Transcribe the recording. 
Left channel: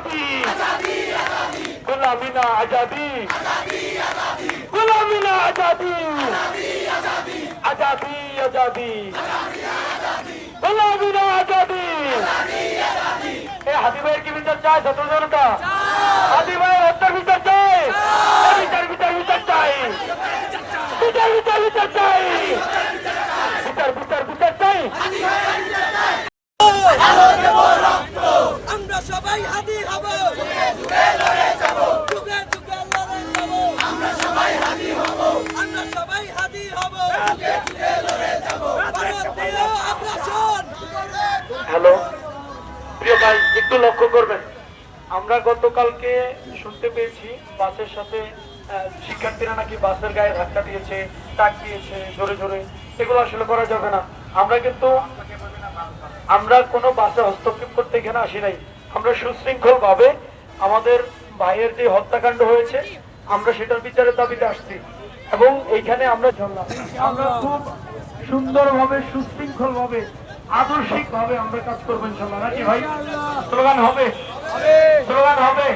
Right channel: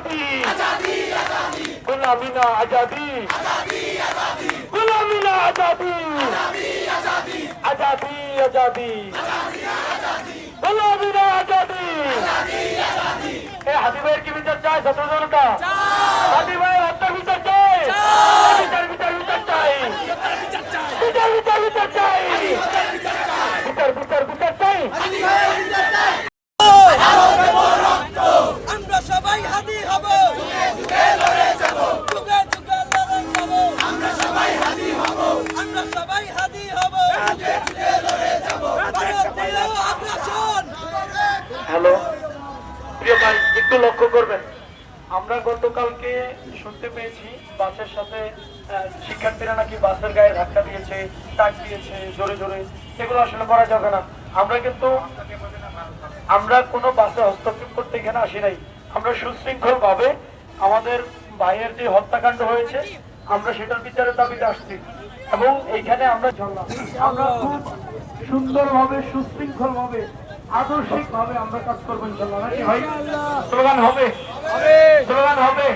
आजादी गुलामी ना आजादी गुलामी ना आजादी आजादी आजादी गुलामी ना आजादी हाथी भाई की বিচার চাই ছাত্র জনতা হাতি ভাই হত্যার বিচার চাই বিচার বিচার বিচার চাই বিচার বিচার বিচার চাই বিচার বিচার বিচার চাই আমরা সবাই হাদি হব যুগে যুগে লড়ে যাব যুগে যুগে লড়ে যাব আমরা সবাই হাদি হব আমরা সবাই হাদি হব যুগে যুগে লড়ে যাব ভারতীয় আগ্রাসন। হ্যালো প্রিয় ভাই একটু লক্ষ্য করবেন আমরা গতকালকে শুনতে পেয়েছি বাসের সাথে শিক্ষার্থীরা নাকি বাসের গায়ে ধাক্কা দিয়েছে টাক দিয়েছে জোরে জোরে এগুলো আসলে করা যাবে না। আমরা কোনো বাসে হস্তক্ষেপ করতে এখানে আসি নাই। আমরা সুশৃঙ্খল ভাবে আমাদের ভাইয়ের যে হত্যাকাণ্ড হয়েছে আমরা সেটার বিচারের দাবিতে আসছি এবং এইখানে আমরা চললাম আমরা খুব সুন্দরভাবে সুশৃঙ্খল ভাবে আদর্শিক ভাবে আমরা কাজ করবো ইনশাল্লাহ নাকি ভাই? স্লোগান হবে স্লোগান হবে